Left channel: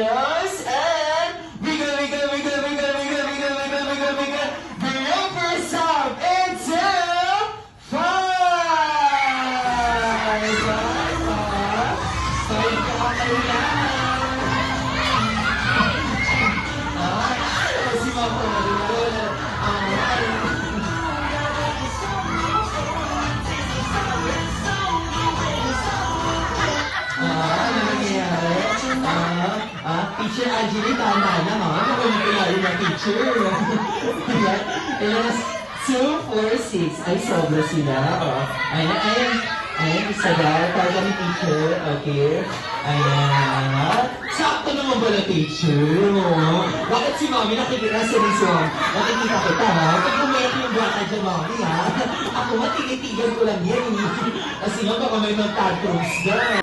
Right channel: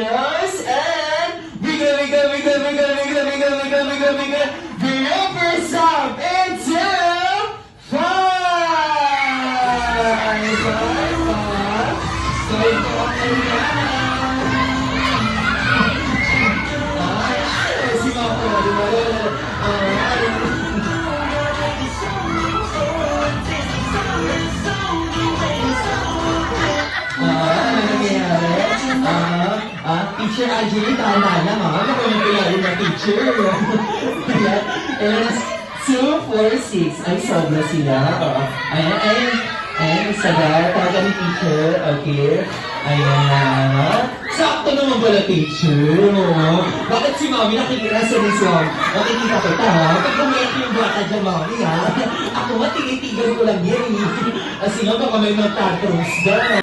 nose, and wiggle, wiggle, wiggle, wiggle, wiggle, wiggle, wiggle, wiggle, wiggle. The upper side into 5. So ito ang kailangan. Si Mama, di ba? Teacher Angie, tama na ha? Nakumpulayin na teacher. And 2, 4, 6. Ay, sobra sila. Ayan. Isa na. Taga ni teacher. Okay. Ayan. Sakto naman pala teacher. Bakit si Mami nakikita sa Rizon? Nakikita kita ha? Pag kumiyak yung bata dyan, Mami ha? Ako nga, tinitigan ko lang yan. Kasi nga baka may mga tantrums dyan.